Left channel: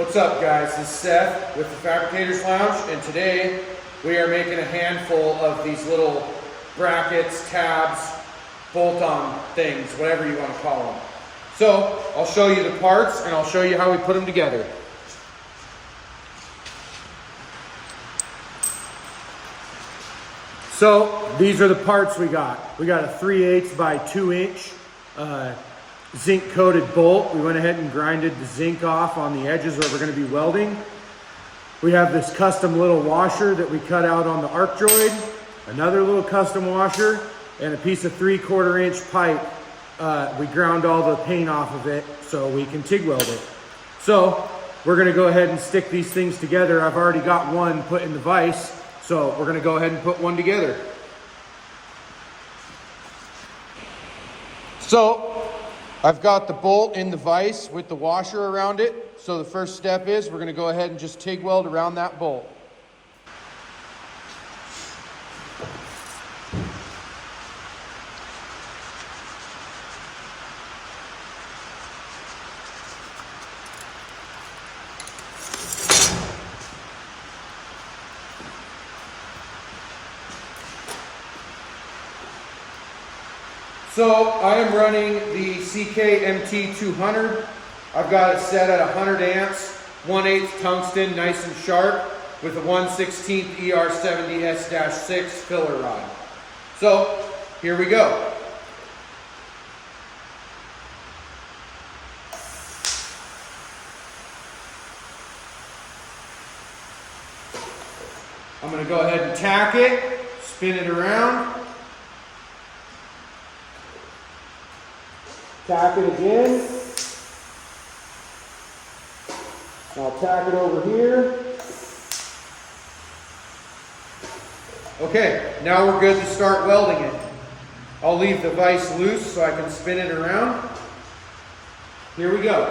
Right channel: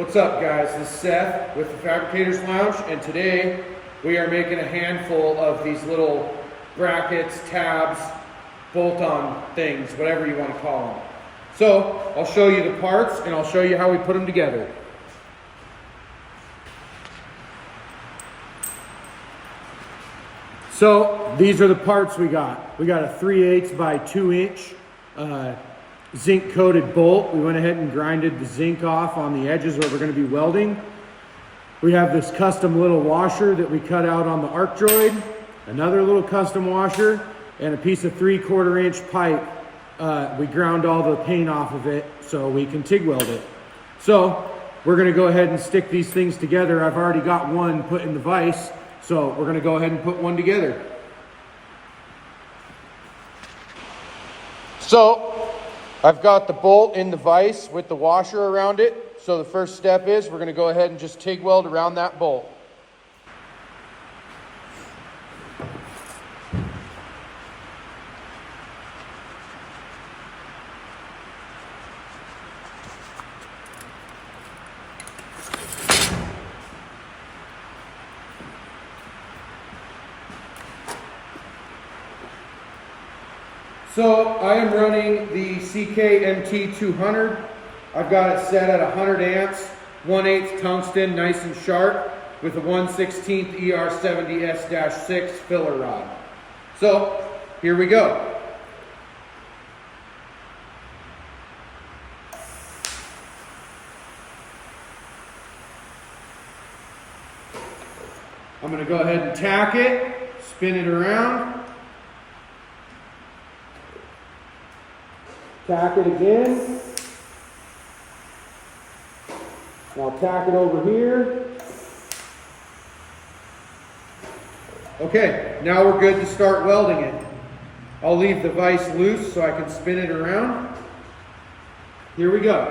What's up, guys? This is Seth with the Fabricators Lounge, and today we are making a handful of these little brackets, tabs, bolt-on things, whatever you want to call them. So I'll show you the parts and I'll show you how we put them together. So these are the parts we got. We got a 3/8 by 2 inch zinc coated bolt. We went ahead and grinded the zinc off on the edges where we're going to be welding. We have this custom little washer that we cut out on the arc droid, another little custom washer, and a piece of 3/4 inch pipe. We ground all the paint off of it so we can TIG weld it. So we're going to go ahead and stick these things together. I've already got one put in the vise, so we're going to go ahead and put one together. So I've got the bolt in the vise with the washer around it. So the first step is we're going to go ahead and just TIG weld around that bolt. So I am running the CK-MT200. I've got it set at 100 amps, 1/8 tungsten, nice and sharp, with a 1/16 ER70S-6 filler rod. So here we go. I'm going to go ahead and tack it, spin it around. Tack it again. I'll tack it over here. Okay, now we're good to start welding it. I'll leave the vise loose so I can spin it around. Here we go.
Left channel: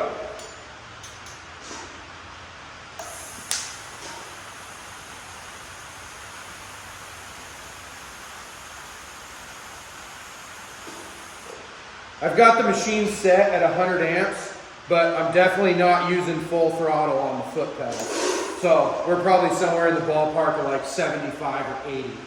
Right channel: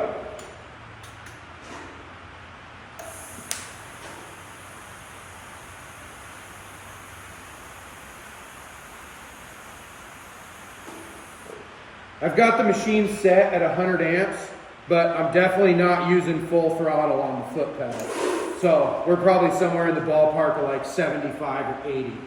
I've got the machine set at 100 amps, but I'm definitely not using full throttle on the foot pedal. So we're probably somewhere in the ballpark of like 75 or 80.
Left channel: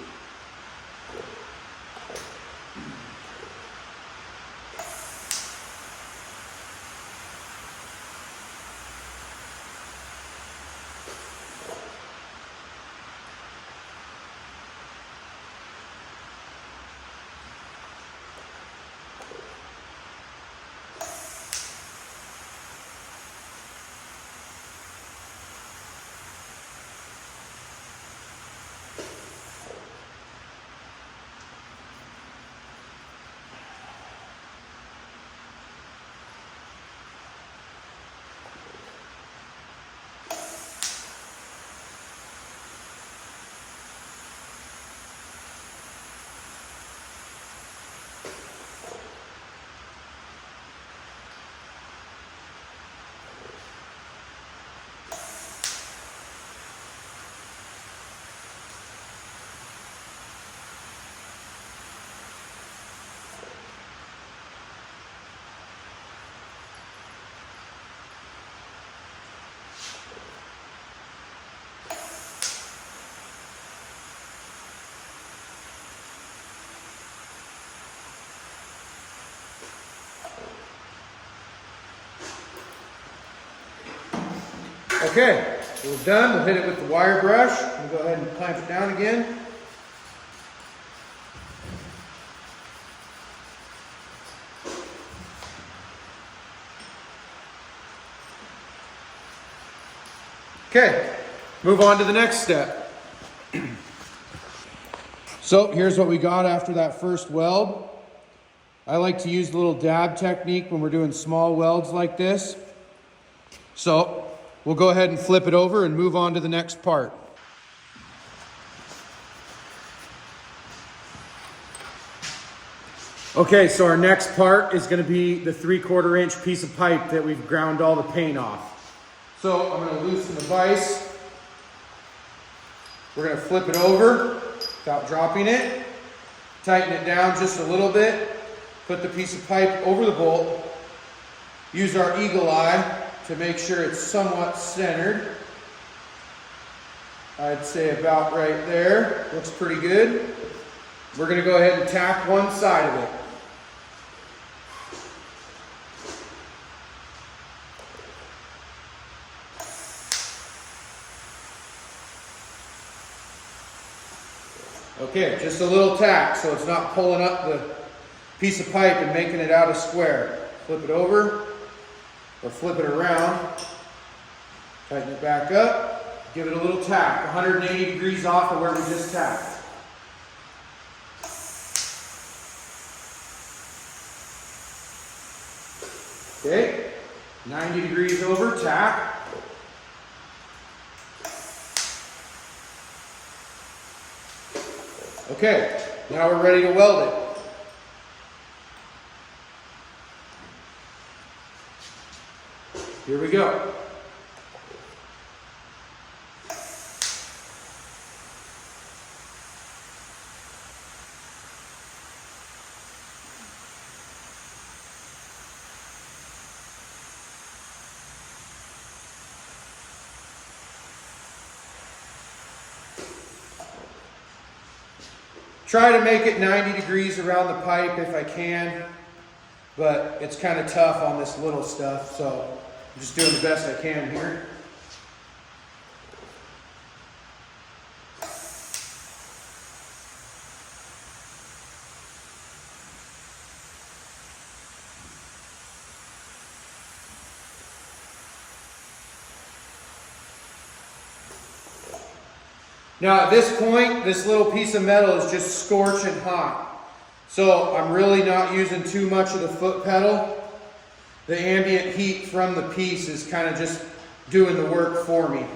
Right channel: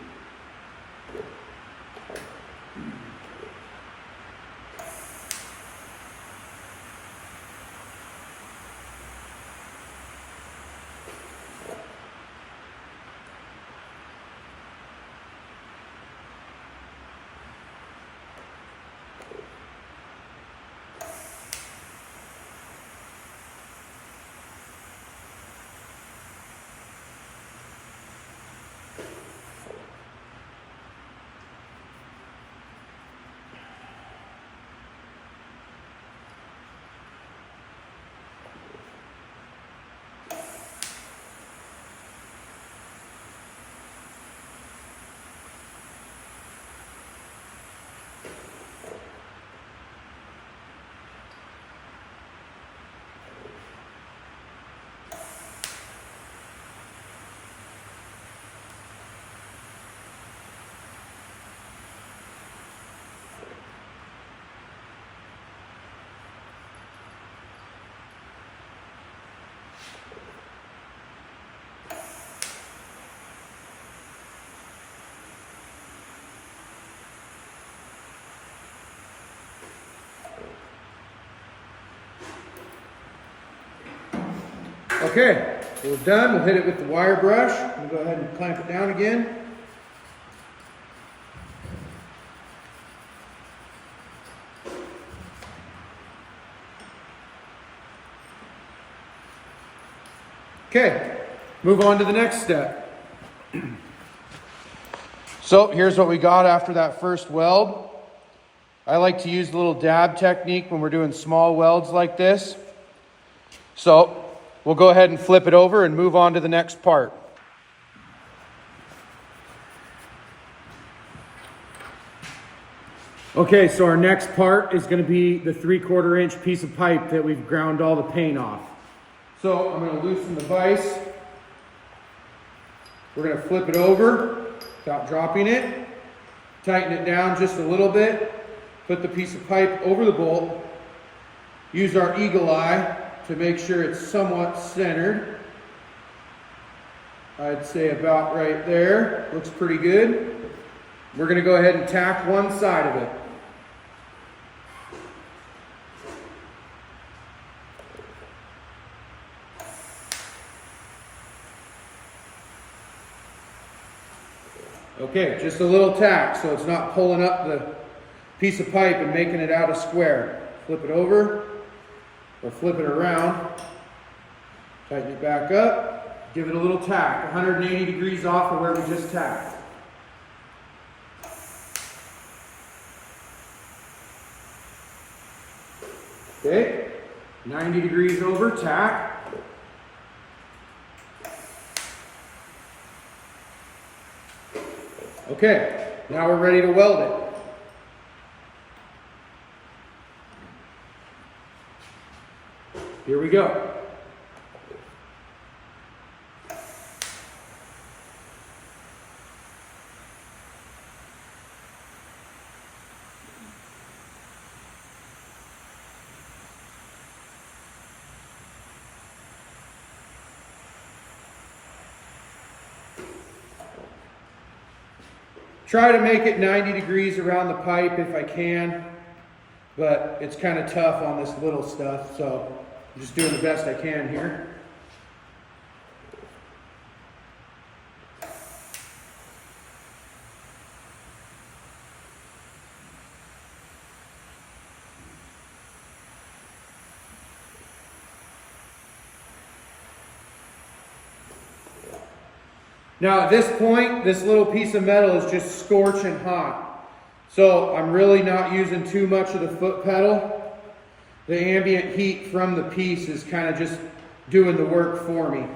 Okay, so we're done. We'll hit it with the wire brush. We'll go ahead and clamp it down again. Okay, move on to the next step. So here's what we got after that first weld. I like to use the little dab technique when we're doing small welds like this. So we'll go ahead and flip it over and move on to the next part. Okay, so our next part is going to be the 3/4 inch piece of pipe that we've ground all the paint off. So I'm going to loosen the vise. We're going to flip it over without dropping it. Tighten it down just a little bit. Put the piece of pipe over the bolt. Use our eagle eye to make sure it's somewhat centered. I'd say about right there. Looks pretty good. We're going to go ahead and tack one side of it. Okay, just a little tack so it's not pulling up the piece of pipe and making it out of square. Flip it over or flip it around. Tighten it back up. Give it a little tack, 180 degrees off of where we just tacked. Okay, 90 degrees over, tack. Okay, now we're ready to weld it. Here we go. Try to make it 90 degrees around the pipe if I can, but it's kind of tough on this little stuff, so I'm just doing the best I can here. Now at this point, this little piece of metal is just scorching hot. So I'm really not using too much of the foot pedal. The ambient heat from the piece is kind of just doing the work for me.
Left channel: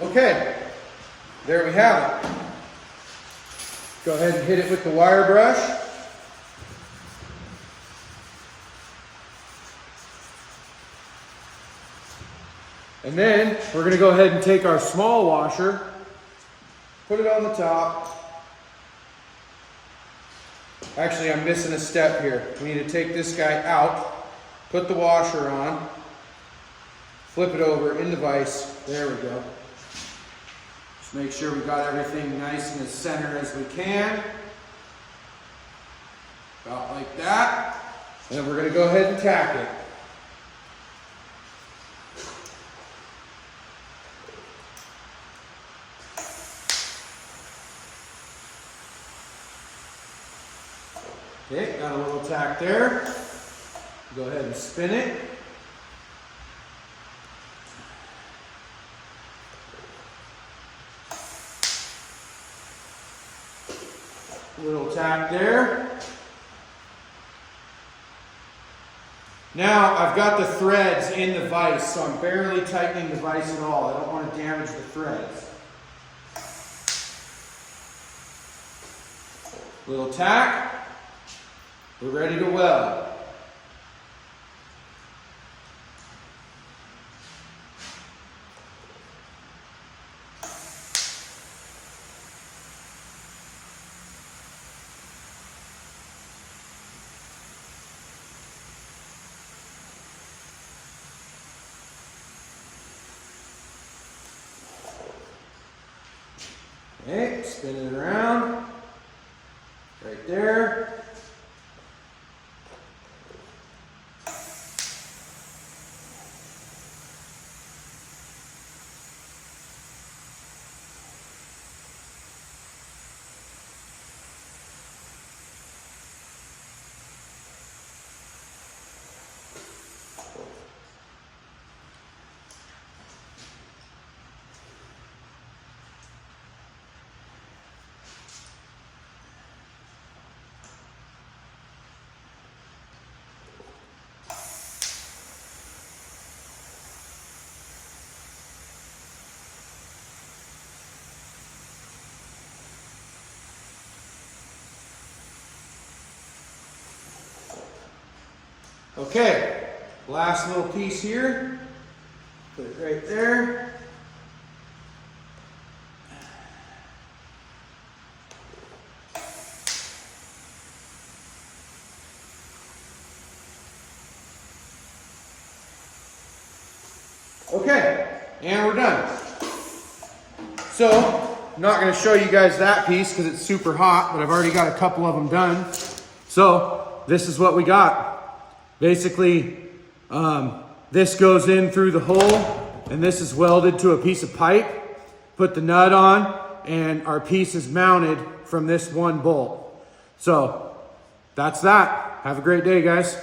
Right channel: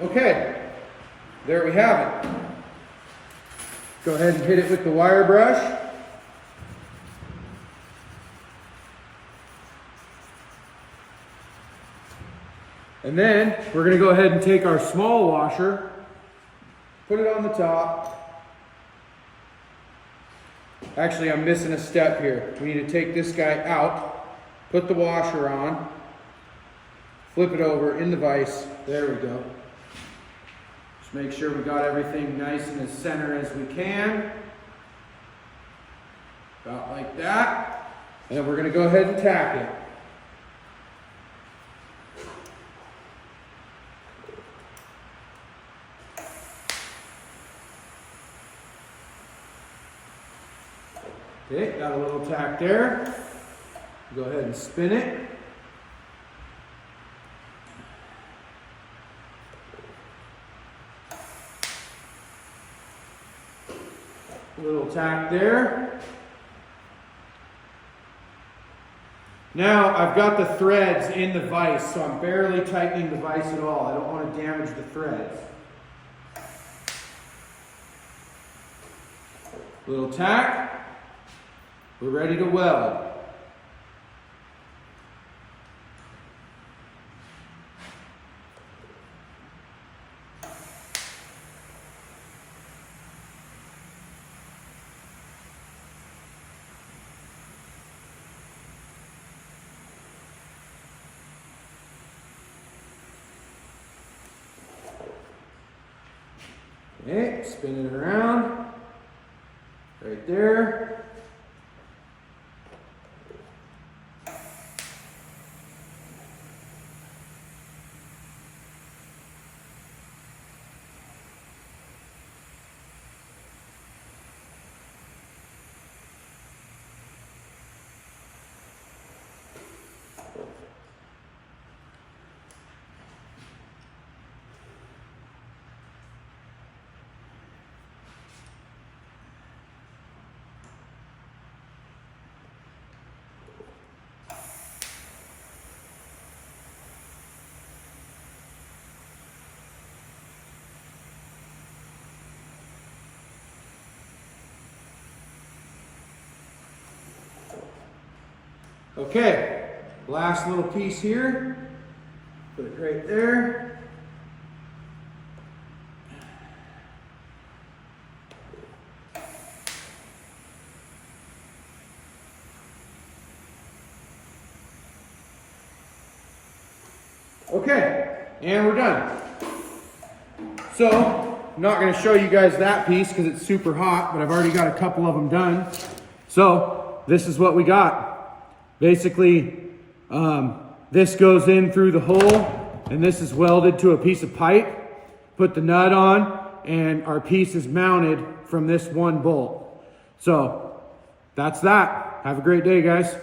Okay, there we have it. Go ahead and hit it with the wire brush. And then we're going to go ahead and take our small washer, put it on the top. Actually, I'm missing a step here. We need to take this guy out, put the washer on, flip it over in the vise. There we go. Just make sure we got everything nice in the center as we can. About like that. And then we're going to go ahead and tack it. Okay, got a little tack there. Go ahead and spin it. A little tack there. Now I've got the threads in the vise, so I'm barely tightening the vise at all. I don't want to damage the threads. Little tack. We're ready to weld. Okay, spin it around. Right there. Okay, last little piece here. Put it right there. Okay, and we're done. So, I'm not going to show you guys that piece because it's super hot, but I've already got a couple of them done. So, this is what we got. Basically, this goes in through the hole, and this is welded to a piece of pipe. Put the nut on, and our piece is mounted from this one bolt. So, that's that. Have a great day, guys.